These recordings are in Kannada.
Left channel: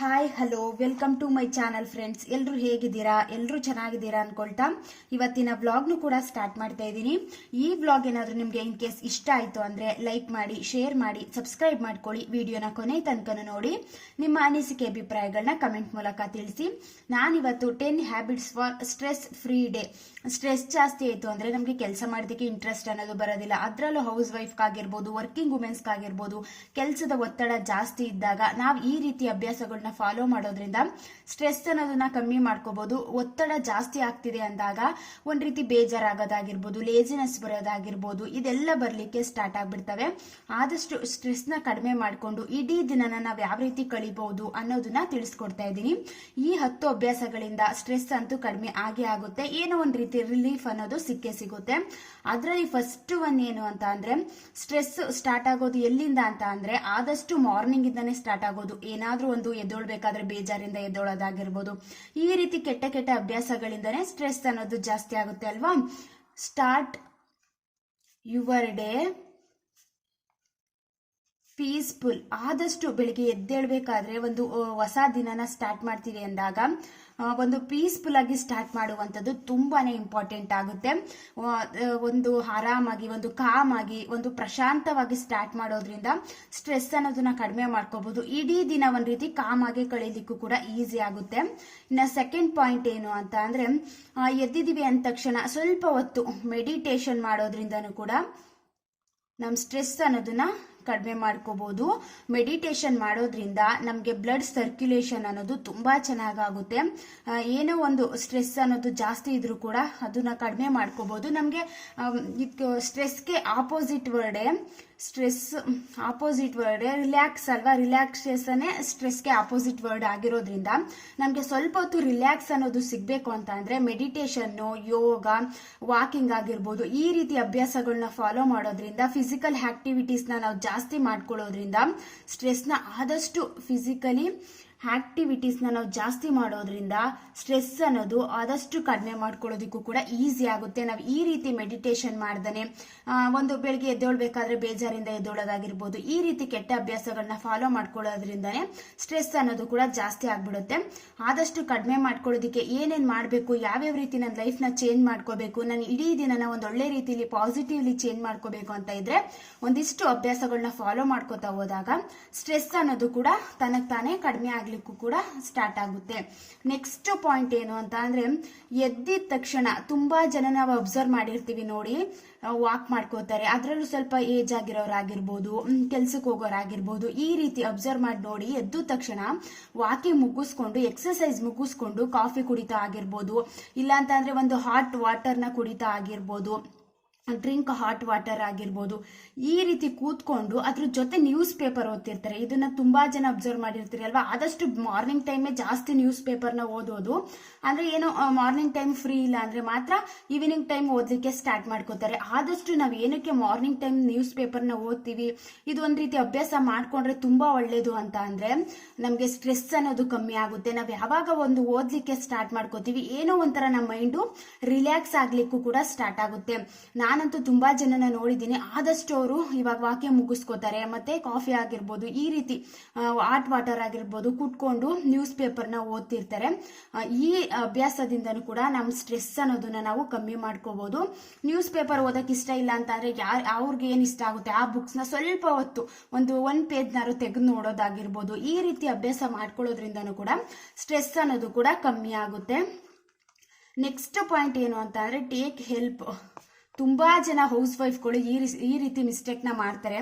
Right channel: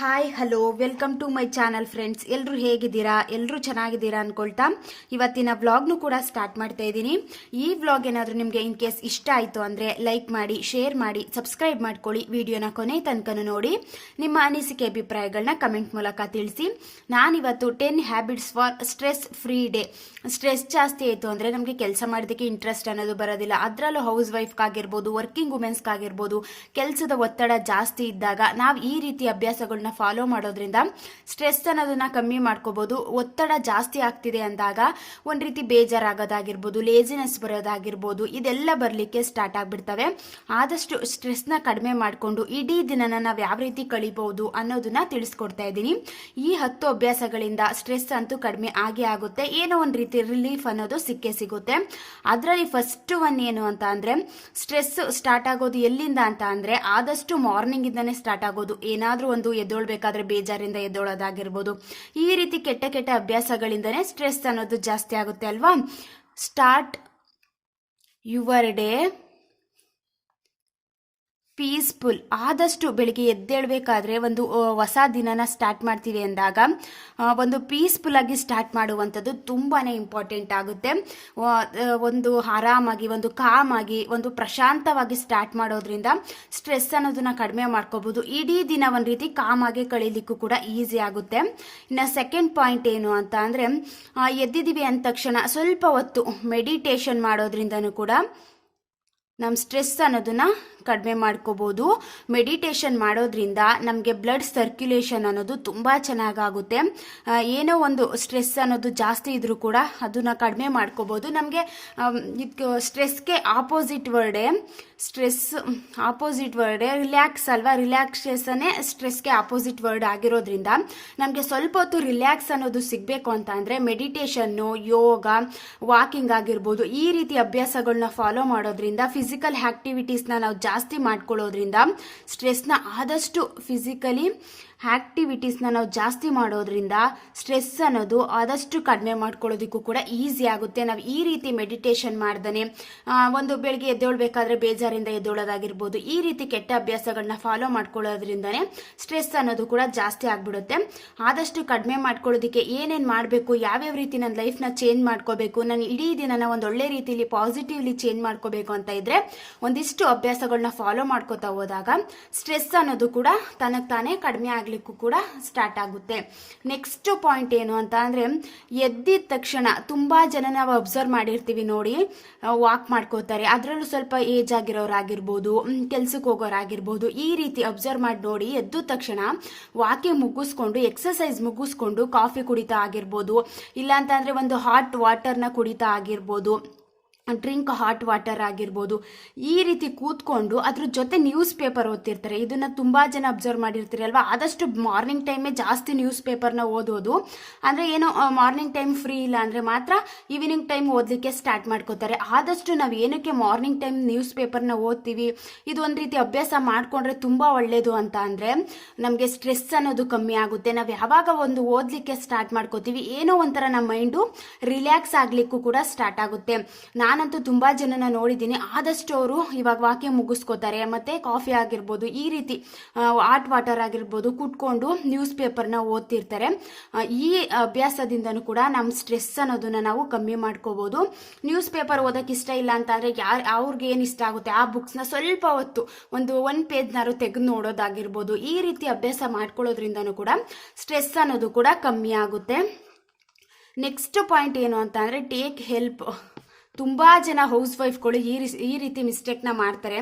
Hi hello welcome to my channel friends. ಎಲ್ಲರೂ ಹೇಗಿದ್ದೀರಾ? ಎಲ್ಲರೂ ಚೆನ್ನಾಗಿದ್ದೀರಾ ಅನ್ಕೊಳ್ತಾ ಇವತ್ತಿನ ವ್ಲಾಗ್ನು ಕೂಡ ಸ್ಟಾರ್ಟ್ ಮಾಡ್ತಾ ಇದ್ದೀನಿ. ಈ ವ್ಲಾಗ್ ಏನಾದರೂ ನಿಮಗೆ ಇನ್ ಕೇಸ್ ಇಷ್ಟ ಆಯಿತು ಅಂದರೆ ಲೈಕ್ ಮಾಡಿ, ಶೇರ್ ಮಾಡಿ, ಸಬ್ಸ್ಕ್ರೈಬ್ ಮಾಡ್ಕೊಳ್ಳಿ. ವಿಡಿಯೋನ ಕೊನೆ ತನಕನೂ ನೋಡಿ. ನಿಮ್ಮ ಅನಿಸಿಕೆ ಅಭಿಪ್ರಾಯಗಳನ್ನ ಕಮೆಂಟ್ ಮೂಲಕ ತಿಳಿಸಿ. ನಾನಿವತ್ತು 10 habits for stress free day. Stress ಜಾಸ್ತಿ ಆಯಿತು ಅಂದರೆ ನಮಗೆ ಕೆಲಸ ಮಾಡೋದಕ್ಕೆ ಇಂಟ್ರೆಸ್ಟ್ ಅನ್ನೋದು ಬರೋದಿಲ್ಲ. ಅದರಲ್ಲೂ ಹೌಸ್ ವೈಫ್ಗಾಗಿರ್ಬೋದು, ವರ್ಕಿಂಗ್ ವುಮೆನ್ಸ್ಗಾಗಿರ್ಬೋದು, ಕೆಲಸದ ಒತ್ತಡ ಜಾಸ್ತಿ ಇದ್ದಾಗ ನಾವು ಈ ರೀತಿ ಅಭ್ಯಾಸಗಳನ್ನ ಫಾಲೋ ಮಾಡೋದ್ರಿಂದ ಸ್ಟ್ರೆಸ್ ಅನ್ನೋದನ್ನ ಕಮ್ಮಿ ಮಾಡ್ಕೋಬಹುದು. ಒತ್ತಡ ಜಾಸ್ತಿ ಆಗ್ತಿದೆ ಅಂದಾಗ ಒಂದ್ ರೀತಿ ಬೇಜಾರಾಗೋದಾಗಿರ್ಬೋದು, ಲೇಜಿನೆಸ್ ಬರೋದಾಗಿರ್ಬೋದು, ಇದೆಲ್ಲ ಬರ್ಲಿಕ್ಕೆ ಸ್ಟಾರ್ಟ್ ಆಗ್ಬಿಡ್ತವೆ. ಆದಷ್ಟು ಸ್ಟ್ರೆಸ್ ನ ಕಡಿಮೆ ಮಾಡಿಕೊಂಡು ಇಡೀ ದಿನನ ನಾವು ಯಾವ ರೀತಿ ಕಳಿಬಹುದು ಅನ್ನೋದನ್ನ ತಿಳಿಸ್ಕೊಡ್ತಾ ಇದ್ದೀನಿ. ಈ 10 ಅಭ್ಯಾಸಗಳಿಂದ ಸ್ಟ್ರೆಸ್ ಅಂತೂ ಕಡಿಮೆ ಆಗೇ ಆಗುತ್ತೆ. ಏನೋ ಒಂದ್ ರೀತಿ ರಿಲೀಫ್ ಅನ್ನೋದು ಸಿಕ್ಕೇ ಸಿಗುತ್ತೆ. ಅದರಲ್ಲಿ ಫಸ್ಟ್ ಒನ್ ಏನು ಅಂತ ಅಂದ್ರೆ, ಸ್ಟ್ರೆಸ್ ಸ್ಟಾರ್ಟ್ ಆಗೋದು ಎಲ್ಲಿಂದ ಅಂತ ಅಂದ್ರೆ ಆದಷ್ಟು ಮಾರ್ನಿಂಗ್ ಇಂದಾನೆ ಸ್ಟಾರ್ಟ್ ಆಗೋದು. ಏನಾದ್ರೂ ಒಂದು ಎದ್ದೊಳ್ಬೇಕಾದ್ರೆ ಬೇಜಾರಿಂದ ಎದ್ದೊಳೋದಾಗಿರ್ಬೋದು, ಈ ರೀತಿ ಕೆಟ್ಟ ಕೆಟ್ಟ ಅಭ್ಯಾಸಗಳಿಂದನೇ ಸ್ಟ್ರೆಸ್ ಅನ್ನೋದು ಜಾಸ್ತಿ ಆಗುತ್ತೆ ಅಲ್ವಾ. Start your day peaceful. ಆದಷ್ಟು ಬೆಳಿಗ್ಗೆ ಎದ್ದೇಳಬೇಕಾದ್ರೆ ಒಂದು ಹೊಸ ದಿನನ ಸ್ಟಾರ್ಟ್ ಮಾಡ್ತೀವಿ ಅಂದಾಗ ಒಂದು ಪೀಸ್ಫುಲ್ ಆಗಿ ಸ್ಟಾರ್ಟ್ ಮಾಡುವಂಥದ್ದು ತುಂಬಾನೇ ಇಂಪಾರ್ಟೆಂಟ್ ಆಗುತ್ತೆ. ಒಂದು ಆರಾಮಾಗಿ, ಒಂದು ಕಾಮ್ ಆಗಿ, ಒಂದು ಪ್ರಶಾಂತವಾಗಿ ಸ್ಟಾರ್ಟ್ ಮಾಡೋದ್ರಿಂದ ಸ್ಟ್ರೆಸ್ ಅನ್ನೋದನ್ನ ಕಡಿಮೆ ಮಾಡ್ಕೋಬಹುದು. ಇಡೀ ದಿನ ಒಂದು ರೀತಿ ಕಾಮ್ ಆಗಿ ಕಳೀಲಿಕ್ಕೂ ಕೂಡ ಈಸಿ ಆಗುತ್ತೆ. ಇನ್ನು ಸೆಕೆಂಡ್ ಪಾಯಿಂಟ್ ಏನು ಅಂತ ಅಂದ್ರೆ, ಎದ್ದಿದ್ದೀವಿ ಅಂದ ತಕ್ಷಣ ಸ್ವಲ್ಪ ಹೊತ್ತು ಮೆಡಿಟೇಷನ್ ಮಾಡೋದ್ರಿಂದನೂ ಕೂಡ ನಮ್ಮ ಸ್ಟ್ರೆಸ್ ಅನ್ನೋದನ್ನ ಕಡಿಮೆ ಮಾಡ್ಕೋಬಹುದು. ಮೆಡಿಟೇಷನ್ ಮಾಡೋದ್ರಿಂದ ನಮಗೆ ಬ್ಲಡ್ ಸರ್ಕ್ಯುಲೇಷನ್ ಅನ್ನೋದು ತುಂಬಾ ಚೆನ್ನಾಗಾಗುತ್ತೆ. ಏನೋ ಒಂದು ಸ್ಟ್ರೆಸ್ ಅನ್ನೋದು ಜಾಸ್ತಿ ಇದ್ರೂ ಕೂಡ ಅದನ್ನ ಕಡಿಮೆ ಮಾಡ್ಕೋಬಹುದು. ನಮಗೆ ಸ್ಟ್ರೆಸ್ಗೆ ಆಪೋಸಿಟ್ ವರ್ಡೇ ರಿಲ್ಯಾಕ್ಸ್ ಅಲ್ವಾ. ರಿಲ್ಯಾಕ್ಸೇಷನ್ ಸ್ಟ್ರೆಸ್ಗೆ ಆಪೋಸಿಟ್ ವರ್ಡ್ ಆಗಿರೋದ್ರಿಂದ ನಮಗೆ ಸ್ವಲ್ಪ ಹೊತ್ತು ರಿಲ್ಯಾಕ್ಸ್ ಅನ್ನೋದು ಸಿಗಬೇಕು ಅಂತ ಅಂದ್ರೆ ಮೆಡಿಟೇಷನ್ನು, ಯೋಗ, ವಾಕಿಂಗ್ ಆಗಿರ್ಬೋದು, ಈ ರೀತಿ ಅಭ್ಯಾಸಗಳನ್ನ ಫಾಲೋ ಮಾಡೋದ್ರಿಂದ, ಫಿಸಿಕಲ್ ಆಕ್ಟಿವಿಟೀಸ್ನ ನಾವು ಜಾಸ್ತಿ ಮಾಡ್ಕೊಳ್ಳೋದ್ರಿಂದ, ಸ್ಟ್ರೆಸ್ನ ಆದಷ್ಟು ಫಿಸಿಕಲಿ ಆಕ್ಟಿವಿಟೀಸ್ನ ನಾವು ಜಾಸ್ತಿ ಮಾಡೋದ್ರಿಂದ ಸ್ಟ್ರೆಸ್ ಅನ್ನೋದು ಆದಷ್ಟು ಕಡಿಮೆ ಮಾಡ್ಕೊಳ್ಳೋದಕ್ಕೂ ಕೂಡ ಈಸಿ ಆಗುತ್ತೆ. ನಾವು ಈ ರೀತಿ ಮೆಡಿಟೇಷನ್ ಮಾಡ್ದೇ ಒಂದು ಬೆಳಿಗ್ಗೆ ಎದ್ದೇಳ್ಬೇಕಾದ್ರೆ ಬೇಜಾರಿಂದ ಎದ್ದೇಳೋದಾಗಿರ್ಬೋದು, ಈ ರೀತಿ ಕೆಟ್ಟ ಅಭ್ಯಾಸಗಳನ್ನ ಫಾಲೋ ಮಾಡ್ಕೊಳ್ಳೋದ್ರಿಂದನೇ ಸ್ಟ್ರೆಸ್ ಅನ್ನೋದು ಕೂಡ ಜಾಸ್ತಿ ಆಗ್ಬಿಡುತ್ತೆ. ಆದಷ್ಟು ಕಡಿಮೆ ಮಾಡ್ಕೊಳ್ಳೋದಕ್ಕೆ ಏನೇನು ಮಾಡಬೇಕು, ಯಾವ್ಯಾವ ರೀತಿ ನನ್ನ ಲೈಫ್ನ ಚೇಂಜ್ ಮಾಡ್ಕೋಬೇಕು, ನಾನು ಇಡೀ ದಿನನ ಒಂದು ಒಳ್ಳೆ ರೀತಿಲಿ ಪಾಸಿಟಿವ್ಲಿ ಚೇಂಜ್ ಮಾಡ್ಕೋಬೇಕು ಅಂತ ಇದ್ರೆ ಒಂದಿಷ್ಟು ಅಭ್ಯಾಸಗಳನ್ನ ಫಾಲೋ ಮಾಡ್ಕೋತಾ ಹೋದಾಗ ಸ್ಟ್ರೆಸ್ ಅನ್ನೋದು ಕೂಡ ತನಗೆ ತಾನೇ ಕಡಿಮೆ ಆಗ್ಲಿಕ್ಕೂ ಕೂಡ ಸ್ಟಾರ್ಟ್ ಆಗುತ್ತೆ. ನೆಕ್ಸ್ಟ್ ಪಾಯಿಂಟ್ ಏನು ಅಂತ ಅಂದ್ರೆ, ಎದ್ದಿದ ತಕ್ಷಣ ತುಂಬಾ ಜನ ನಾವು ಅಬ್ಸರ್ವ್ ಮಾಡಿರ್ತೀವಿ ನೋಡಿ, ವಾಕ್ ಮಾಡ್ಕೋತಾರೆ. ಅದರಲ್ಲೂ ಸ್ವಲ್ಪ ಏಜ್ ಆಗಿರೋರಾಗಿರ್ಬೋದು, ಕೆಲ್ಸಕ್ಕೆ ಹೋಗೋರಾಗಿರ್ಬೋದು, ಈ ರೀತಿ ಅಬ್ಸರ್ವ್ ಮಾಡಿ ನೋಡಿ ಎದ್ದ ತಕ್ಷಣ ವಾಕಿಂಗ್ ಮುಗಿಸ್ಕೊಂಡು, ಎಕ್ಸರ್ಸೈಸ್ ಮುಗಿಸ್ಕೊಂಡು ಕಾಫಿ ಕುಡಿತಾ ಆಗಿರ್ಬೋದು, ಇಲ್ಲ ಅಂತಂದ್ರೆ ಒಂದು ಹಾಟ್ ವಾಟರ್ನ ಕುಡಿತಾ ಆಗಿರ್ಬೋದು, ಡ್ರಿಂಕ್ ಹಾಟ್ ವಾಟರ್ ಆಗಿರ್ಬೋದು, ಈ ರೀತಿ ಕೂತ್ಕೊಂಡು ಅದ್ರ ಜೊತೆ ನ್ಯೂಸ್ ಪೇಪರ್ ಓದ್ತಿರ್ತಾರೆ. ಇದನ್ನ ತುಂಬಾ ಜನ ಅಬ್ಸರ್ವ್ ಮಾಡಿರ್ತೀರಿ ಅಲ್ವಾ. ಆದಷ್ಟು ಮಾರ್ನಿಂಗ್ ಟೈಮೇ ಜಾಸ್ತಿ ನ್ಯೂಸ್ ಪೇಪರ್ನ ಓದೋದು. ಅಂದ್ರೆ ಏನೋ ಮಾರ್ನಿಂಗ್ ಟೈಮ್ ಫ್ರೀ ಇಲ್ಲ ಅಂದ್ರೆ ಮಾತ್ರ ಈವ್ನಿಂಗ್ ಟೈಮ್ ಓದ್ಲಿಕ್ಕೆ ಸ್ಟಾರ್ಟ್ ಮಾಡ್ಕೋತಾರೆ. ಆದಷ್ಟು ನಾವು ಏನಕ್ಕೆ ಮಾರ್ನಿಂಗ್ ಟೈಮ್ ನ್ಯೂಸ್ ಪೇಪರ್ನ ಓದ್ತೀವಿ, ಇದು ಒಂದ್ ರೀತಿ ಅಭ್ಯಾಸ ಮಾಡ್ಕೊಂಡ್ರೆ ತುಂಬಾ ಒಳ್ಳೇದು ಅಂತ ಅಂದ್ರೆ ನಮ್ಗೆ ಸ್ಟ್ರೆಸ್ ಅನ್ನೋದು ಕಮ್ಮಿ ಆಗುತ್ತೆ. ನಾವು ಯಾವಾಗ ಒಂದು ಓದ್ಲಿಕ್ಕೆ ಸ್ಟಾರ್ಟ್ ಮಾಡ್ಕೋತೀವಿ, ಏನೋ ಒಂಥರ ನಮ್ಮ ಮೈಂಡು ರಿಲ್ಯಾಕ್ಸ್ ಆಗ್ಲಿಕ್ಕೂ ಕೂಡ ಸ್ಟಾರ್ಟ್ ಆಗುತ್ತೆ. ನಾನಂತೂ ತುಂಬಾ ಜನನ ನೋಡಿದ್ದೀನಿ, ಆದಷ್ಟು ಅವರು ಇವಾಗ ವಾಕ್ಯ ಮುಗಿಸ್ಕೋತಾರೆ, ಮತ್ತೆ ಕಾಫಿ ಆಗಿರ್ಬೋದು, ಈ ರೀತಿ ಹಾಟ್ ವಾಟರ್ ಆಗಿರ್ಬೋದು ಕುಟ್ಕೊಂಡು ನ್ಯೂಸ್ ಪೇಪರ್ನ ಓದ್ತಿರ್ತಾರೆ. ಈ ಅಭ್ಯಾಸದಿಂದನೂ ಕೂಡ ನಮ್ಮ ಸ್ಟ್ರೆಸ್ ಅನ್ನೋದನ್ನ ನಾವು ಕಮ್ಮಿ ಮಾಡ್ಕೋಬಹುದು. ನ್ಯೂಸ್ ಪೇಪರ್ ಓದಕ್ಕೆ ಇಷ್ಟ ಇಲ್ಲ ಅಂತ ಅಂದ್ರೆ ಅವ್ರಿಗೆ ಏನ್ ಇಷ್ಟ ಆಗುತ್ತೆ ಆ ಬುಕ್ಸ್ನ ಸ್ವಲ್ಪ ಹೊತ್ತು ಒಂದು ಪೇಜ್ನಾರು ತೆಗೆದು ನೋಡೋದಾಗಿರ್ಬೋದು, ಈ ರೀತಿ ಅಭ್ಯಾಸ ಮಾಡ್ಕೊಳ್ಳೋದ್ರಿಂದನೂ ಕೂಡ ಸ್ಟ್ರೆಸ್ ಅನ್ನೋದು ಕೂಡ ಕಮ್ಮಿ ಆಗುತ್ತೆ. ನೆಕ್ಸ್ಟ್ ಪಾಯಿಂಟ್ ಏನು ಅಂತ ಅಂದ್ರೆ, ಟೇಕ್ ಹೆಲ್ಪ್. ತುಂಬಾ ಜನ ಹೌಸ್ ವೈಫ್ಗಳು ಈ ರೀತಿ ಮಿಸ್ಟೇಕ್ನ ಮಾಡ್ತಾರೆ.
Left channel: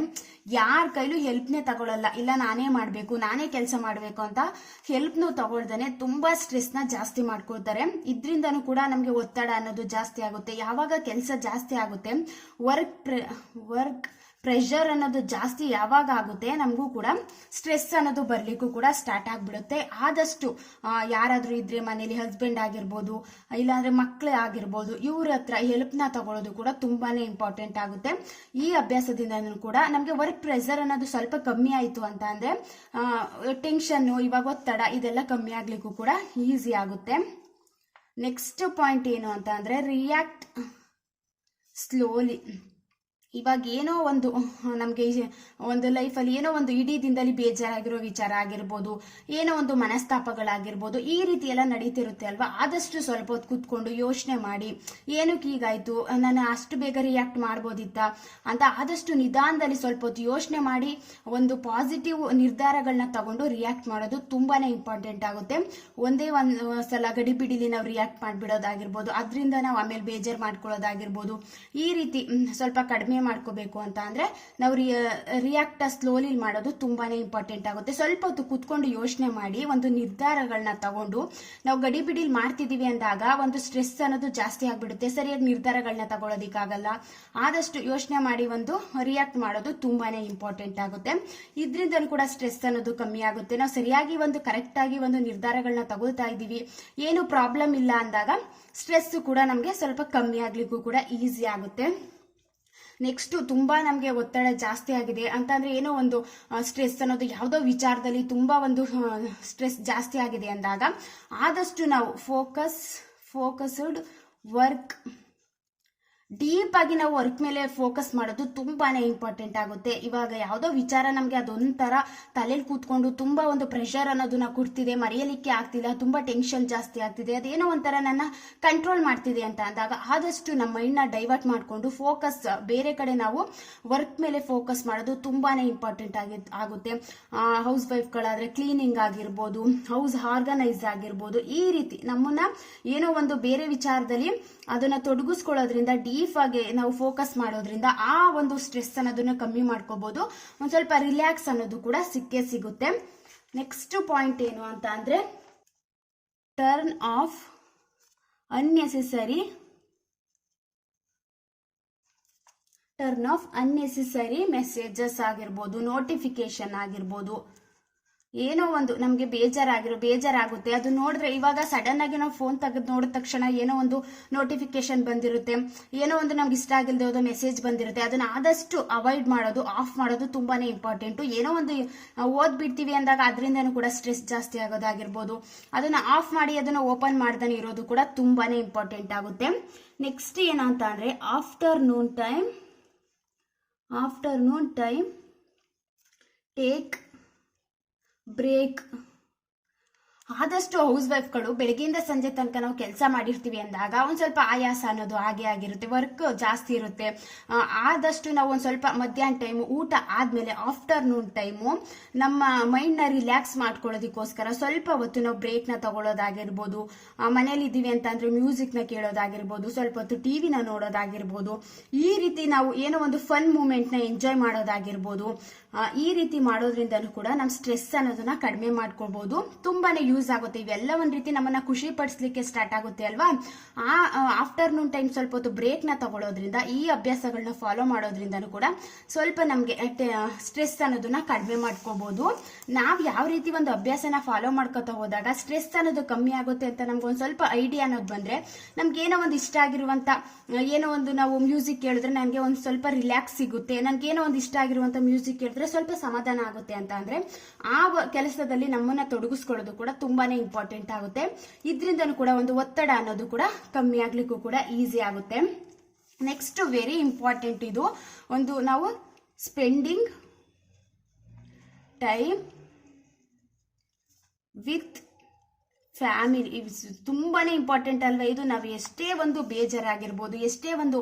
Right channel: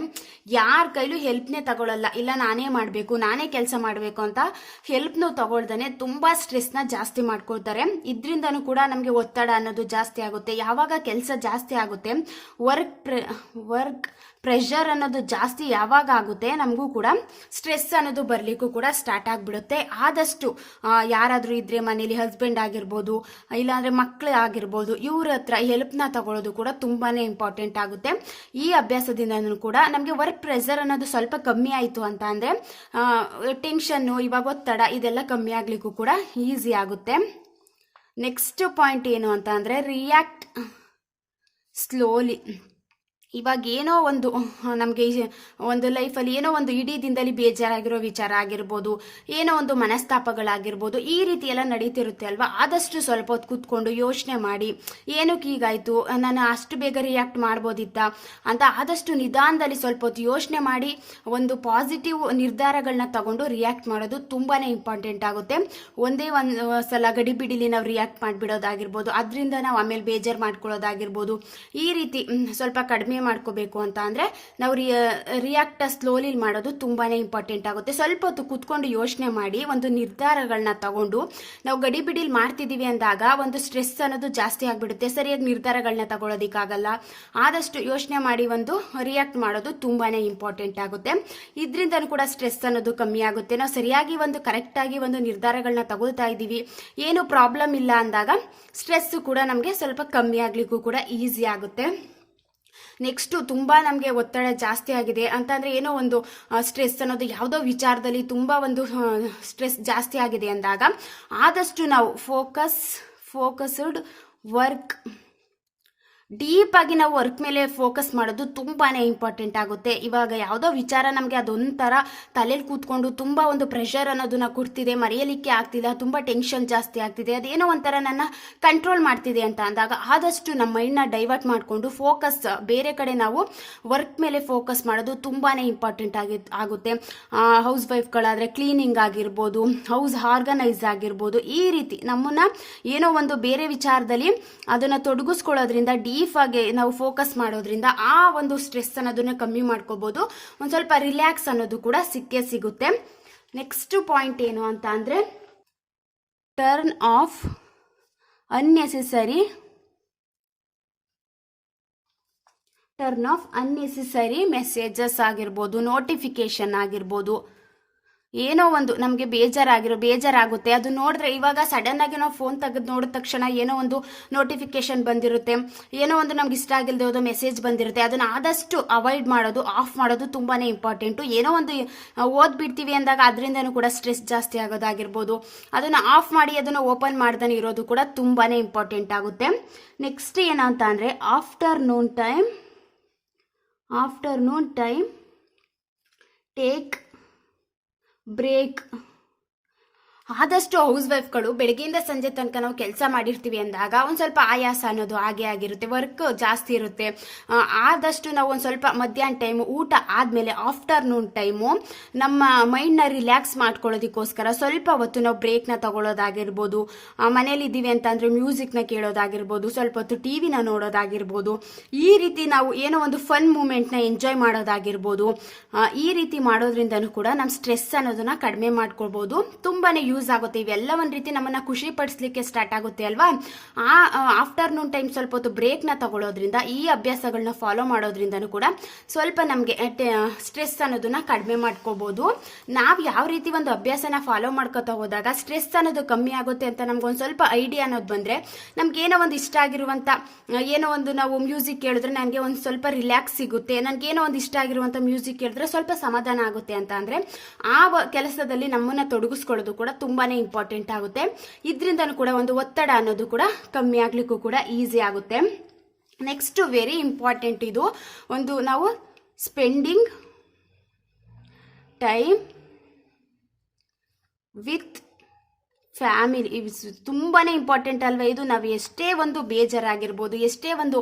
ಯಾರ ಕೈಲೂ ಹೆಲ್ಪ್ನೇ ತಗೊಳ್ಳಲ್ಲ, ಇಲ್ಲ ನಾನೇ ಮಾಡಬೇಕು, ನಾನೇ ಕೆಲಸ ಮಾಡಬೇಕು ಅಂತ ಹೆಲ್ಪ್ನು ತಗೊಳ್ದಾನೆ ತುಂಬಾ ಸ್ಟ್ರೆಸ್ನ ಜಾಸ್ತಿ ಮಾಡ್ಕೊಳ್ತಾರೆ. ಇದರಿಂದನೂ ಕೂಡ ನಮಗೆ ಒತ್ತಡ ಅನ್ನೋದು ಜಾಸ್ತಿ ಆಗುತ್ತೆ. ಯಾವಾಗ ಕೆಲಸ ಜಾಸ್ತಿ ಆಗುತ್ತೆ, ವರ್ಕ್ ಪ್ರೆಷರ್ ಅನ್ನೋದು ಜಾಸ್ತಿ ಯಾವಾಗ ಆಗುತ್ತೆ, ನಮಗೂ ಕೂಡ ಸ್ಟ್ರೆಸ್ ಅನ್ನೋದು ಬರ್ಲಿಕ್ಕೂ ಕೂಡ ಸ್ಟಾರ್ಟ್ ಆಗಿಬಿಡುತ್ತೆ. ಆದಷ್ಟು ಯಾರಾದರೂ ಇದ್ರೆ ಮನೇಲಿ ಹಸ್ಬೆಂಡ್ ಆಗಿರ್ಬೋದು, ಇಲ್ಲಾಂದ್ರೆ ಮಕ್ಕಳು ಆಗಿರ್ಬೋದು, ಇವ್ರ ಹತ್ರ ಹೆಲ್ಪ್ನ ತಗೊಳ್ಳೋದು ಕೂಡ ತುಂಬಾನೇ ಇಂಪಾರ್ಟೆಂಟ್ ಆಗುತ್ತೆ. ಈ ಅಭ್ಯಾಸದಿಂದ ಕೂಡ ನಮಗೆ ವರ್ಕ್ ಪ್ರೆಷರ್ ಅನ್ನೋದು ಸ್ವಲ್ಪ ಕಮ್ಮಿ ಆಯಿತು ಅಂತ ಅಂದ್ರೆ ಟೆನ್ಷನ್ನು, ಇವಾಗ ಒತ್ತಡ ಇದೆಲ್ಲ ಕಮ್ಮಿ ಆಗ್ಲಿಕ್ಕೂ ಕೂಡ ಈಸಿ ಆಗುತ್ತೆ. ನೆಕ್ಸ್ಟ್ ಪಾಯಿಂಟ್ ಏನು ಅಂತ ಅಂದ್ರೆ, ರಿಯಾಕ್ಟ್ ಸ್ಲೋಲಿ. ಇವಾಗ ಏನೋ ಒಂದು ನಮಗೆ ಒಂದು ಲೈಫಲ್ಲಿ ಏನೋ ಒಂದು ಇಡೀ ದಿನದಲ್ಲಿ ಬೇಜಾರಾಗಿರೋ ವಿಚಾರ ಆಗಿರ್ಬೋದು, ಏನೋ ಒಂದು ಮನಸ್ತಾಪಗಳಾಗಿರ್ಬೋದು, ಈ ರೀತಿ ಎಲ್ಲ ನಡೀತಿರುತ್ತೆ ಅಲ್ವಾ. ಆದಷ್ಟು ಸ್ವಲ್ಪ ಹೊತ್ತು ಕೂತ್ಕೊಂಡು ಯೋಚನೆ ಮಾಡಿ, ಏನಕ್ಕೆ ಹೀಗಾಯಿತು, ನಾನು ಅಷ್ಟು ಬೇಗ ರಿಯಾಕ್ಟ್ ಮಾಡ್ಬೋದಿತ್ತ ಅಂತ ಆದಷ್ಟು ನಿಧಾನದಲ್ಲಿ ಸ್ವಲ್ಪ ಹೊತ್ತು ಯೋಚನೆ ಮಾಡಿ ಒಂದು ಪಾಸಿಟಿವ್ ನಿರ್ಧಾರಗಳನ್ನ ತಗೊಂಡು ರಿಯಾಕ್ಟ್ ಮಾಡೋದು ತುಂಬಾ ಇಂಪಾರ್ಟೆಂಟ್ ಆಗುತ್ತೆ. ಒಂದೇ ಒಂದು ಸಲ ಗಡಿಬಿಡಿಲಿ ನಾವು ರಿಯಾಕ್ಟ್ ಮಾಡಿಬಿಡೋದಾಗಿರ್ಬೋದು, ಅದರಿಂದ ನಾವು ಆಮೇಲೆ ಬೇಜಾರು ಮಾಡ್ಕೊಳ್ಳೋದಾಗಿರ್ಬೋದು. ಈ ರೀತಿ ಸ್ವಲ್ಪ ಕಡಿಮೆ ಮಾಡ್ಕೋಬೇಕು ಅಂತ ಅಂದರೆ ನಾವು ರಿಯಾಕ್ಟ್ ಸ್ಲೋಲಿ ಮಾಡೋದು ತುಂಬಾ ಇಂಪಾರ್ಟೆಂಟ್ ಆಗುತ್ತೆ. ಸ್ವಲ್ಪ ಹೊತ್ತು ಕೂತ್ಕೊಂಡು ಯೋಚನೆ ಮಾಡಿ ಒಂದು ನಿರ್ಧಾರಗಳನ್ನ ತಗೊಂಡು ನಾವು ಗಡಿಬಿಡಿಲಿ ಮಾಡ್ತಿದ್ದೀವಿ ಅಂದಾಗ ಒಂದು ಸ್ಟ್ರೆಸ್ ಅನ್ನೋದು ಜಾಸ್ತಿ ಆಗಿಬಿಡುತ್ತೆ, ಸರಿಯಾಗಿ ನಿರ್ಧಾರಗಳನ್ನ ತಗೊಳ್ಳೋದಕ್ಕಾಗಲ್ಲ. ಆದಷ್ಟು ಯೋಚನೆ ಮಾಡಿ ಒಂದು ರಿಯಾಕ್ಟ್ ಮಾಡೋದು ತುಂಬಾ ಇಂಪಾರ್ಟೆಂಟ್ ಆಗುತ್ತೆ. ಇದರಿಂದನೂ ಕೂಡ ಸ್ಟ್ರೆಸ್ ಅನ್ನೋದು ಕಮ್ಮಿ ಆಗುತ್ತೆ. ನಾವು ಸರಿಯಾಗಿ ಒಂದು ಕರೆಕ್ಟಾಗಿ ಒಂದು ನಿರ್ಧಾರಗಳನ್ನ ತಗೊಳ್ತಾ ಇದ್ದೀವಿ, ಏನು ಪ್ರಾಬ್ಲಮ್ ಇಲ್ಲ ಅಂದಾಗ ಸ್ಟ್ರೆಸ್ ಕೂಡ ನಮಗೆ ಸ್ವಲ್ಪ ಕಮ್ಮಿ ಆಗಲಿಕ್ಕೂ ಕೂಡ ಈಸಿ ಆಗುತ್ತೆ. ನೆಕ್ಸ್ಟು ತುಂಬ ನಮಗೆ ಒತ್ತಡ ಜಾಸ್ತಿ ಆಗಿದೆ ಅಂತಂದರೆ, ಏನೋ ಒಂದು ಸ್ಟ್ರೆಸ್ ಅನ್ನೋದು ಯಾವುದೋ ವಿಚಾರದಲ್ಲಿ ತುಂಬ ಒಂದು ಸ್ಟ್ರೆಸ್ ಜಾಸ್ತಿ ಆಗಿದೆ ಅಂದಾಗ ಆದಷ್ಟು ನಾವು ಫೋಕಸ್ಡ್ ವರ್ಕ್, ಡೀಪ್ ಆಗಿ ನಾವು ವರ್ಕ್ ಮೇಲೆ ಫೋಕಸ್ ಮಾಡೋದು ತುಂಬಾನೇ ಇಂಪಾರ್ಟೆಂಟ್ ಆಗುತ್ತೆ. ಇವಾಗ ಯಾವುದೋ ವಿಚಾರ ನಮಗೆ ಅದೊಂಥರ ತಲೆಯಲ್ಲಿ ಕೂತ್ಕೊಂಡು ತುಂಬ ಒಂದು ಪ್ರೆಷರ್ ಅನ್ನೋದನ್ನ ಕೊಡ್ತಿದೆ, ಮರೆಯಲಿಕ್ಕೆ ಆಗ್ತಿಲ್ಲ, ತುಂಬ ಟೆನ್ಷನ್ ಜಾಸ್ತಿ ಆಗ್ತಿದೆ, ಅದೇನೋ ಒಂಥರ ನನ್ನ ಕಂಟ್ರೋಲ್ ಮಾಡ್ತಿದೆ ಅಂತ ಅಂದಾಗ ಆದಷ್ಟು ನಮ್ಮ ಮೈಂಡ್ನ ಡೈವರ್ಟ್ ಮಾಡಿಕೊಂಡು ಫೋಕಸ್ ಬೇರೆ ಕಡೆ ನಾವು ವರ್ಕ್ ಮೇಲೆ ಫೋಕಸ್ ಮಾಡೋದು ತುಂಬಾ ಇಂಪಾರ್ಟೆಂಟ್ ಆಗುತ್ತೆ. ಹೌಸ್ ವೈಫ್ಗಳಾದರೆ ಕ್ಲೀನಿಂಗ್ ಆಗಿರ್ಬೋದು, ಹೌಸ್ ಆರ್ಗನೈಸ್ ಆಗಿರ್ಬೋದು, ಈ ರೀತಿ ನಮ್ಮನ್ನ ಏನೋ ಒಂದು ಬೇರೆ ವಿಚಾರದಲ್ಲಿ ಅದನ್ನು ತೊಡಗಿಸ್ಕೊಳ್ಳೋದ್ರಿಂದ ಡೀಪ್ ಆಗಿ ನಾವು ಫೋಕಸ್ ಮಾಡೋದ್ರಿಂದ ಆ ಒಂದು ಸ್ಟ್ರೆಸ್ ಅನ್ನೋದನ್ನ ಕಮ್ಮಿ ಮಾಡ್ಕೋಬಹುದು. ಒಂದು ಸ್ವಲ್ಪ ರಿಲ್ಯಾಕ್ಸ್ ಅನ್ನೋದು ಕೂಡ ಸಿಕ್ಕೇ ಸಿಗುತ್ತೆ. ನೆಕ್ಸ್ಟ್ ಪಾಯಿಂಟ್ ಏನು ಅಂತ ಅಂದ್ರೆ, ಟರ್ನ್ ಆಫ್ ಅನ್ನೆಸೆಸರಿ ಮೆಸೇಜಸ್ ಆಗಿರ್ಬೋದು, ನೋಟಿಫಿಕೇಶನ್ ಆಗಿರ್ಬೋದು, ಏನೋ ಒಂದು ನಮಗೆ ಬೇಜಾರಾಗುತ್ತೆ, ಅದು ನೋಡಿದ್ರೆ ಇವಾಗ ಸಡನ್ ಆಗಿ ನಾವು ಫೋನ್ ತೆಗೆದು ನೋಡಿದ ತಕ್ಷಣ ಏನೋ ಒಂದು ನೋಟಿಫಿಕೇಶನ್ ಬಂದಿರುತ್ತೆ, ಏನೋ ಒಂದು ನಮ್ಗೆ ಇಷ್ಟ ಆಗಿಲ್ಲದೆ ಹೋದ ಮೆಸೇಜ್ ಬಂದಿರುತ್ತೆ, ಅದನ್ನ ಆದಷ್ಟು ಅವಾಯ್ಡ್ ಮಾಡೋದು, ಆಫ್ ಮಾಡೋದು ತುಂಬಾನೇ ಇಂಪಾರ್ಟೆಂಟು. ಏನೋ ಒಂದು ಓದ್ಬಿಡ್ತೀವಿ ಅಂದಾಗ ಅದರಿಂದನೂ ಕೂಡ ಸ್ಟ್ರೆಸ್ ಜಾಸ್ತಿ ಆಗೋದಾಗಿರ್ಬೋದು, ಅದನ್ನ ಆಫ್ ಮಾಡಿ ಅದನ್ನು ಓಪನ್ ಮಾಡ್ದಾನೆ ಇರೋದು ಕೂಡ ತುಂಬಾನೇ ಇಂಪಾರ್ಟೆಂಟ್ ಆಗುತ್ತೆ. ನೆಕ್ಸ್ಟ್ ಏನಂತ ಅಂದರೆ, ಆಫ್ಟರ್ನೂನ್ ಟೈಮ್ ಟೇಕ್ ಬ್ರೇಕ್. ಆದಷ್ಟು ಹೌಸ್ ವೈಫ್ಗಳು ಬೆಳಗ್ಗೆಯಿಂದ ಸಂಜೆ ತನಕ ನಾವು ಕೆಲಸ ಮಾಡಿರ್ತೀವಿ ಅಂದಾಗ ಒಂದು ಸ್ವಲ್ಪ ಆಯಾಸ ಅನ್ನೋದು ಹಾಗೆ ಆಗಿರುತ್ತೆ, ವರ್ಕ್ ಜಾಸ್ತಿ ಇರುತ್ತೆ. ಆದಷ್ಟು ನಾವು ಒಂದು ಸ್ವಲ್ಪ ಮಧ್ಯಾಹ್ನ ಟೈಮು ಊಟ ಆದಮೇಲೆ ಆಫ್ಟರ್ನೂನ್ ಟೈಮು ನಮ್ಮ ಮೈಂಡ್ನ ರಿಲ್ಯಾಕ್ಸ್ ಮಾಡ್ಕೊಳ್ಳೋದಕ್ಕೋಸ್ಕರ ಸ್ವಲ್ಪ ಹೊತ್ತು ನಾವು ಬ್ರೇಕ್ನ ತಗೊಳ್ಳೋದಾಗಿರ್ಬೋದು, ಮನೇಲಿ ಇದ್ದೀವಿ ಅಂತಂದರೆ ಮ್ಯೂಸಿಕ್ನ ಕೇಳೋದಾಗಿರ್ಬೋದು, ಸ್ವಲ್ಪ ಹೊತ್ತು ಟಿ ವಿನ ನೋಡೋದಾಗಿರ್ಬೋದು, ಈ ರೀತಿ ನಾವು ಏನೋ ಒಂದು ಫನ್ ಮೂಮೆಂಟ್ನ ಎಂಜಾಯ್ ಮಾಡೋದಾಗಿರ್ಬೋದು. ಈ ರೀತಿ ಮಾಡೋದ್ರಿಂದನೂ ಕೂಡ ನಮ್ಮ ಸ್ಟ್ರೆಸ್ ಅನ್ನೋದನ್ನ ಕಡಿಮೆ ಮಾಡ್ಕೊಳ್ಬೋದು, ತುಂಬಾನೇ ಯೂಸ್ ಆಗುತ್ತೆ. ಇವೆಲ್ಲ ಒಂದು ರೀತಿ ನಮ್ಮನ್ನ ಖುಷಿ ಪಡಿಸ್ಲಿಕ್ಕೆ ಸ್ಟಾರ್ಟ್ ಆಗುತ್ತೆ ಅಲ್ವಾ. ಆಫ್ಟರ್ನೂನ್ ಟೈಮ್ ಸ್ವಲ್ಪ ಹೊತ್ತು ಬ್ರೇಕ್ನ ತಗೊಳ್ಳೋದ್ರಿಂದ, ಈ ಅಭ್ಯಾಸಗಳನ್ನ ಫಾಲೋ ಮಾಡೋದ್ರಿಂದನೂ ಕೂಡ ಸ್ವಲ್ಪ ನಮಗೆ ಸ್ಟ್ರೆಸ್ ಅನ್ನೋದನ್ನ ಕಡಿಮೆ ಮಾಡ್ಕೋಬಹುದು. ನಾವು ಯಾವ ರೀತಿ ಒಂದು ಅಭ್ಯಾಸನ ಫಾಲೋ ಮಾಡ್ಕೋತಾ ಹೋದಾಗ ಸ್ಟ್ರೆಸ್ ಅನ್ನೋದು ಕಮ್ಮಿ ಆಗುತ್ತೆ ಅಂತ ನಮ್ಗೊಂದು ಸ್ವಲ್ಪ ಐಡಿಯಾ ಅನ್ನೋದು ಬಂದ್ರೆ, ನಮ್ಗೆ ಏನೋ ಒಂದು ಇಷ್ಟ ಆಗಿರುವಂತ ಏನೋ ಒಂದು ನಾವು ಮ್ಯೂಸಿಕ್ ಕೇಳಿದ್ರೆ ನನಗೆ ಒಂದು ಸ್ವಲ್ಪ ರಿಲ್ಯಾಕ್ಸ್ ಸಿಗುತ್ತೆ, ನನಗೇನೋ ಒಂದು ಇಷ್ಟ ಆಗಿರುವಂತ ಮ್ಯೂಸಿಕ್ ಕೇಳಿದ್ರೆ ಸ್ವಲ್ಪ ಸಮಾಧಾನ ಆಗುತ್ತೆ ಅಂತ ಅಂದ್ರೆ ಆ ಕೆಲಸದಲ್ಲಿ ನಮ್ಮನ್ನ ತೊಡಗಿಸ್ಕೊಳ್ಳೋದು ಕೂಡ ತುಂಬಾನೇ ಇಂಪಾರ್ಟೆಂಟ್ ಆಗುತ್ತೆ. ಇದರಿಂದನೂ ಕೂಡ ಒಂದು ಒತ್ತಡ ಅನ್ನೋದು ಕೂಡ ಕಮ್ಮಿ ಆಗ್ಲಿಕ್ಕೂ ಕೂಡ ಈಸಿ ಆಗುತ್ತೆ. ನೆಕ್ಸ್ಟ್ ವೆರಿ ಇಂಪಾರ್ಟೆಂಟ್, ಇದು ಒಂದು ನಾವು ಸ್ಪೆಂಡಿಂಗ್ ಟೈಮ್ ವಿತ್ ಫ್ಯಾಮಿಲಿ, ತುಂಬಾನೇ ಇಂಪಾರ್ಟೆಂಟ್ ಅಲ್ವಾ ಇದು. ನಾವು ಎಷ್ಟೇ ಒಂದು ಬೇಜಾರಾಗಿರ್ಬೋದು, ಎಷ್ಟೇ ಒಂದು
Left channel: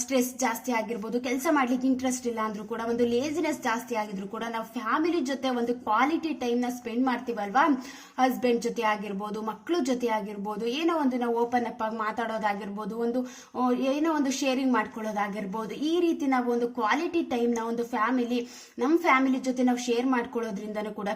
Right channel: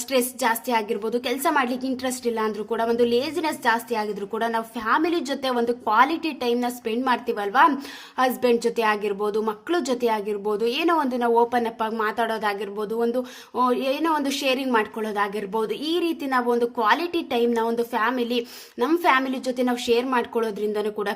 ಸ್ಟ್ರೆಸ್ ಜಾಸ್ತಿ ಆಗಿರ್ಬೋದು, ಕೆಲಸ ಮಾಡ್ಲಿಕ್ಕೆ ಇಂಟ್ರೆಸ್ಟ್ ಇಲ್ಲ ಅಂದ್ರೂ ಕೂಡ, ಒಂದು ಲೇಜಿನೆಸ್ ಜಾಸ್ತಿ ಆಗಿದ್ರು ಕೂಡ ನಾವು ಫ್ಯಾಮಿಲಿ ಜೊತೆ ಒಂದು ಕ್ವಾಲಿಟಿ ಟೈಮ್ನ ಸ್ಪೆಂಡ್ ಮಾಡ್ತೀವಲ್ವಾ, ಹಸ್ಬೆಂಡ್ ಜೊತೆ ಆಗಿರ್ಬೋದು, ಮಕ್ಕಳ ಜೊತೆ ಆಗಿರ್ಬೋದು, ಏನೋ ಒಂದು ನಾವು ಓಪನ್ ಅಪ್ ಆಗಿ ಮಾತಾಡೋದಾಗಿರ್ಬೋದು, ಒಂದು ಏನೋ ಒಂದು ಶೇರಿಂಗ್ ಮಾಡ್ಕೊಳ್ಳೋದಾಗಿರ್ಬೋದು, ಈ ರೀತಿ ನಾವು ಒಂದು ಕ್ವಾಲಿಟಿ ಟೈಮ್ನ ಒಂದು ನಮ್ಮ ಫ್ಯಾಮಿಲಿ ಜೊತೆ ನಾವು ಶೇರ್ ಮಾಡ್ಕೊಳ್ಳೋದ್ರಿಂದನೂ ಕೂಡ,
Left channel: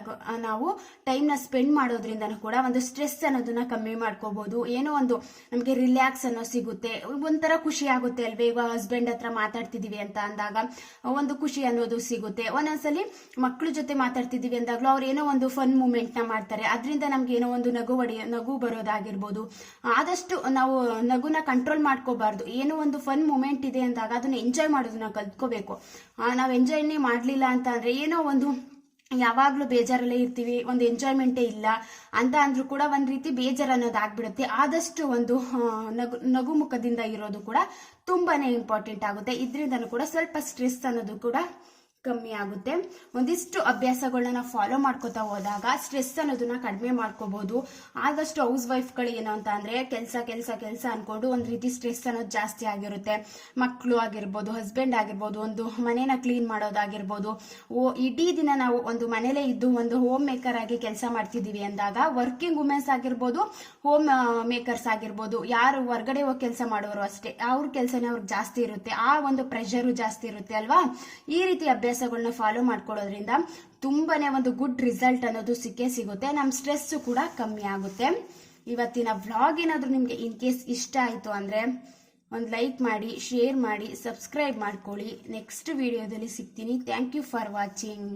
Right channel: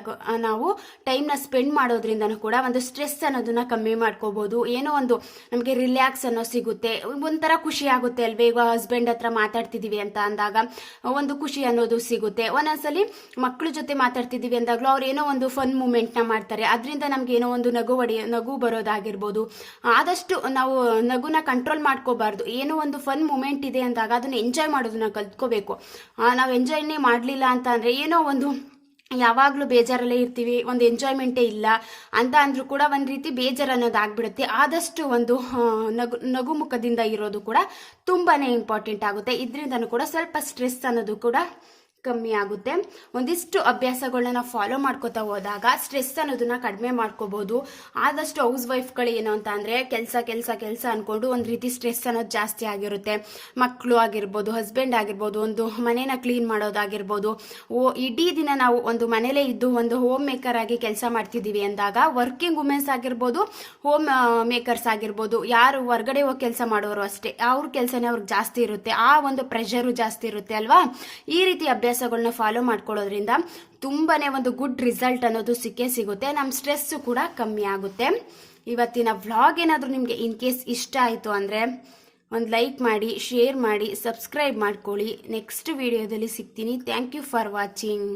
ನಾವು ಟೈಮ್ನ ಸ್ಪೆಂಡ್ ಮಾಡೋದ್ರಿಂದನೂ ಕೂಡ ಒಂದು ಸ್ಟ್ರೆಸ್ ಅನ್ನೋದನ್ನ ಕಮ್ಮಿ ಮಾಡ್ಕೋಬಹುದು. ಏನೋ ಒಂದು ನಮಗೆ ರಿಲ್ಯಾಕ್ಸ್ ಅನ್ನೋ ಸಿಗುತ್ತೆ, ಒಂಥರ ಖುಷಿ ಆಗುತ್ತೆ ಅಲ್ವೇ. ಈಗ ಹಸ್ಬೆಂಡ್ ಹತ್ರ ಮಾತಾಡ್ತಿದೀವಿ ಅಂತ ಅಂದಾಗ ಒಂದು ಖುಷಿ ಅನ್ನೋದು ಸಿಗುತ್ತೆ. ಒಂದೊಂದ್ಸಲಿ ಮಕ್ಕಳ ಜೊತೆ ಮಾತಾಡ್ತಿದೀವಿ ಅಂದಾಗ್ಲೂ ಅವ್ರು ಏನೋ ಒಂದು ಫನ್ ಮೂಮೆಂಟ್ ನ ಮಾಡ್ತಾರೆ, ಅದರಿಂದ ನಮ್ಗೆ ಏನೋ ಒಂದು ನಗು ಬರೋದಾಗಿರ್ಬೋದು. ಆದಷ್ಟು ನಾವು ನಗುನ ಕಂಟ್ರೋಲ್ ಮಾಡ್ಕೋಬಾರ್ದು. ಏನೋ ಒಂದು ಫನ್ ಮೂಮೆಂಟ್ ಇದೆ ಅಂದಾಗ ಅದನ್ನ ಎಂಜಾಯ್ ಮಾಡೋದನ್ನ ಕಲ್ತ್ಕೋಬೇಕು. ನಾವು ಎಂಜಾಯ್ನೇ ಮಾಡ್ಲಿಲ್ಲ ಅಂತ ಅಂದ್ರೆ ಏನೋ ಒಂದು ಯಾವಾಗಲೂ ಬೇಜಾರಲ್ಲೇ ಇರ್ತೀವಿ, ಒಂದು ಎಂಜಾಯ್ಮೆಂಟೇ ಇಲ್ಲ ಅಂತ ಅಂದರೂ ಕೂಡ ಒಂದು ರೀತಿ ಬೇಜಾರು ಅನ್ನೋದು ಆಗ್ಬಿಡುತ್ತೆ. ಆದಷ್ಟು ಒಂದು ನಗುಮುಖದಿಂದ ಇರೋದು ಕೂಡ ತುಂಬಾ ಇಂಪಾರ್ಟೆಂಟ್ ಆಗುತ್ತೆ. ಇದರಿಂದನೂ ಕೂಡ ಸ್ವಲ್ಪ ಸ್ಟ್ರೆಸ್ ಅನ್ನೋದು ಕೂಡ ಕಮ್ಮಿ ಆಗುತ್ತೆ. ಒಂದಿಷ್ಟು ಅಭ್ಯಾಸಗಳನ್ನ ನಾವು ಫಾಲೋ ಮಾಡ್ಕೋತಾ ಹೋದಾಗ ಸ್ಟ್ರೆಸ್ ಅನ್ನೋದನ್ನ ಕಡಿಮೆ ಮಾಡ್ಕೋಬಹುದು. ಆದಷ್ಟು ಹೌಸ್ ವೈಫ್ಗಳು ಏನು ಅಂತ ಅಂದರೆ ಕೆಲಸ ಕೆಲಸ ಕೆಲಸ ಅಂದ್ಕೊಂಡು ಒಂದು ರೀತಿ ಸ್ಟ್ರೆಸ್ ಅನ್ನೋದು ಜಾಸ್ತಿ ಆಗಿರುತ್ತೆ. ಮಕ್ಕಳು ಆಗಿರ್ಬೋದು, ಹಸ್ಬೆಂಡ್ ಆಗಿರ್ಬೋದು, ಒಂದು ಮನೇನ ಕ್ಲೀನ್ ಮಾಡೋದಾಗಿರ್ಬೋದು, ಇಡೀ ದಿನ ನಾವು ಒಂದು ಮನೇಲೇ ಇದ್ದು ಒಂದು ಹೋಮ್ ಮೇಕರ್ ಆಗಿ ಕೆಲಸ ಮಾಡ್ತಿದ್ದೀವಿ ಅಂದಾಗ ವರ್ಕಿಂಗ್ ವುಮೆನ್ಸ್ ಆಗಿರ್ಬೋದು, ಹೋಮ್ ಮೇಕರ್ಸ್ ಆಗಿರ್ಬೋದು, ಯಾರು ಹೊರಗಡೆ ಹೋಗಿ ಕೆಲಸ ಮಾಡೋರು ಅಷ್ಟೇ, ಅವ್ರ ಕೆಲಸನೇ ಅವ್ರಿಗೆ ಜಾಸ್ತಿ ಇರುತ್ತೆ, ಆ ಒಂದು ಪ್ರೆಷರು ಜಾಸ್ತಿ ಇರುತ್ತೆ ಅಲ್ವಾ. ಈ ರೀತಿ ಅಭ್ಯಾಸಗಳನ್ನ ಫಾಲೋ ಮಾಡ್ಕೊಳ್ಳೋದ್ರಿಂದ ತುಂಬಾನೇ ಒಂದು ಗುಡ್ ರಿಸಲ್ಟ್ ಅನ್ನೋದು ಸಿಕ್ಕೇ ಸಿಗುತ್ತೆ. ನಮ್ಮ ಸ್ಟ್ರೆಸ್ ಕೂಡ ಕಮ್ಮಿ ಆಗುತ್ತೆ. ಇವತ್ತಿನ ವ್ಲಾಗ್ ಏನಾದರೂ ನಿಮಗೆ ಇನ್ ಕೇಸ್ ಇಷ್ಟ ಆಯಿತು ಅಂದರೆ ಒಂದು ಲೈಕ್ ಮಾಡಿ, ಶೇರ್ ಮಾಡಿ, ಸಬ್ಸ್ಕ್ರೈಬ್ ಮಾಡ್ಕೊಳ್ಳಿ. ನೆಕ್ಸ್ಟ್ ವಿಡಿಯೋದಲ್ಲಿ ಸಿಗ್ತೀನಿ. Thank you for watching.